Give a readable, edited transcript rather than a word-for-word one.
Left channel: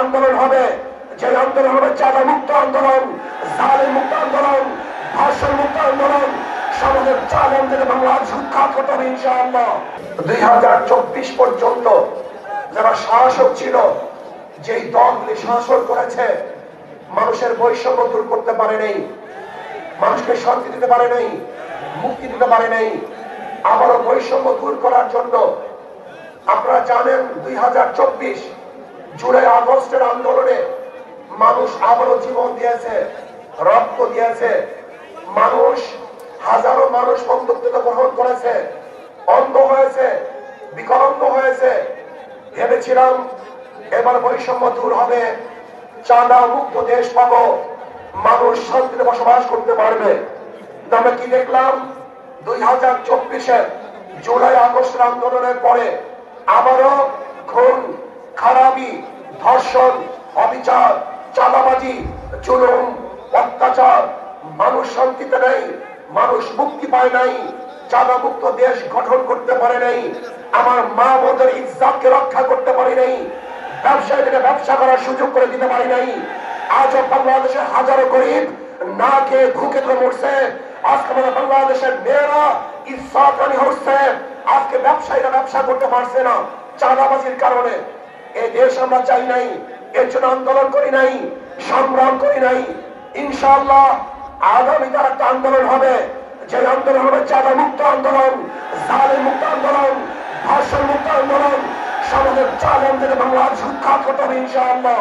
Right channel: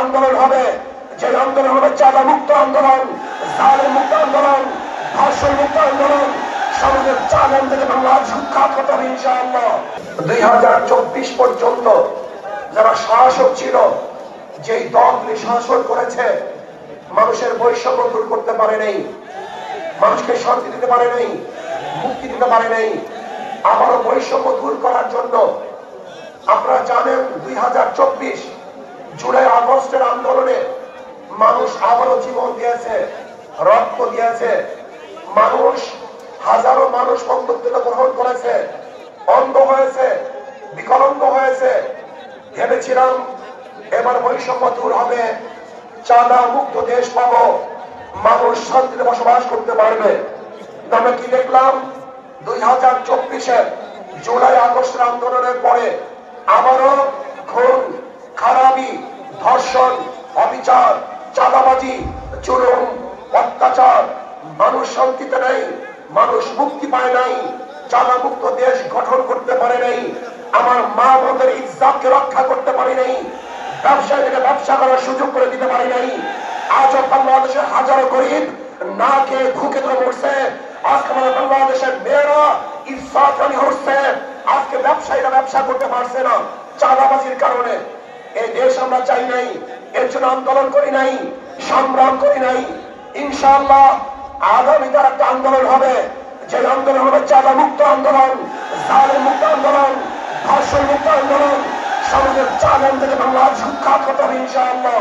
আন্দোলন হবে, যে আন্দোলন হবে চাঁদা মুক্ত আন্দোলন, জালেম মুক্ত আন্দোলন, ধর্ষণ মুক্ত আন্দোলন। সমাজের চালেন থেকে বাংলাদেশ সুখ্যাত হতে হবে ইনশাআল্লাহ। 2024 পর্যন্ত যারা শাসক ছিল, যেই দলগুলি শাসন করেছে, মানুষের বৈষম্য দূর করতে পারে নাই, মানুষকে শান্তি দিতে পারে নাই, মুক্তি দিতে পারে নাই। আবারও বৈষম্য দূর করার জন্য আপনারা জানেন 2024 জুলাই আগস্টের আন্দোলনে মানুষ আবারও জীবন দিয়েছে, রক্ত দিয়েছে। মানুষ, হাজারো মানুষ বন্ধুত্বতা গ্রহণ করেছে, অন্ধ হয়েছে, বিকলাঙ্গ হয়েছে। ভেবেছিলাম এবার বৈষম্য দূর হবে, চাঁদা মুক্ত দেশ পাবো, মানুষ শান্তিতে বসবাস করতে পারবে। আমরা কি দেখলাম? 2024 জুলাই আগস্টের আন্দোলনের পরে আবারও খুন, খারাপি, ধর্ষণ, অবিচার, চাঁদাবাজি, জুলুম, অত্যাচার। মানুষ শান্তিতে নেই, মানুষ মুক্তি পায় নাই, চাঁদা মুক্ত দেশ গঠন করতে পারে নাই, আমার মা বোনদের ইজ্জতকে রক্ষা করতে পারি নাই, ব্যবসায়ীদের ব্যবসা করার সুযোগ করে দিতে পারি নাই। আজও বাংলাদেশের হাজারো গরিব না খেয়ে ভুকে ধরে মরছে। আজকে আমাদের বাংলাদেশের মেয়েরা ইজ্জতহানি হচ্ছে। আজকে ব্যবসায়ীরা ব্যবসা করতে পারছে না চাঁদাবাজির কারণে। এই দেশ আমরা চাই নাই, এর জন্য আন্দোলন করি নাই, সংগ্রাম করি নাই। ইনশাআল্লাহ আগামীতে একটা আন্দোলন হবে, যে আন্দোলন হবে চাঁদা মুক্ত আন্দোলন, জালেম মুক্ত আন্দোলন, ধর্ষণ মুক্ত আন্দোলন। সমাজের চালেন থেকে বাংলাদেশ সুখ্যাত হতে হবে ইনশাআল্লাহ।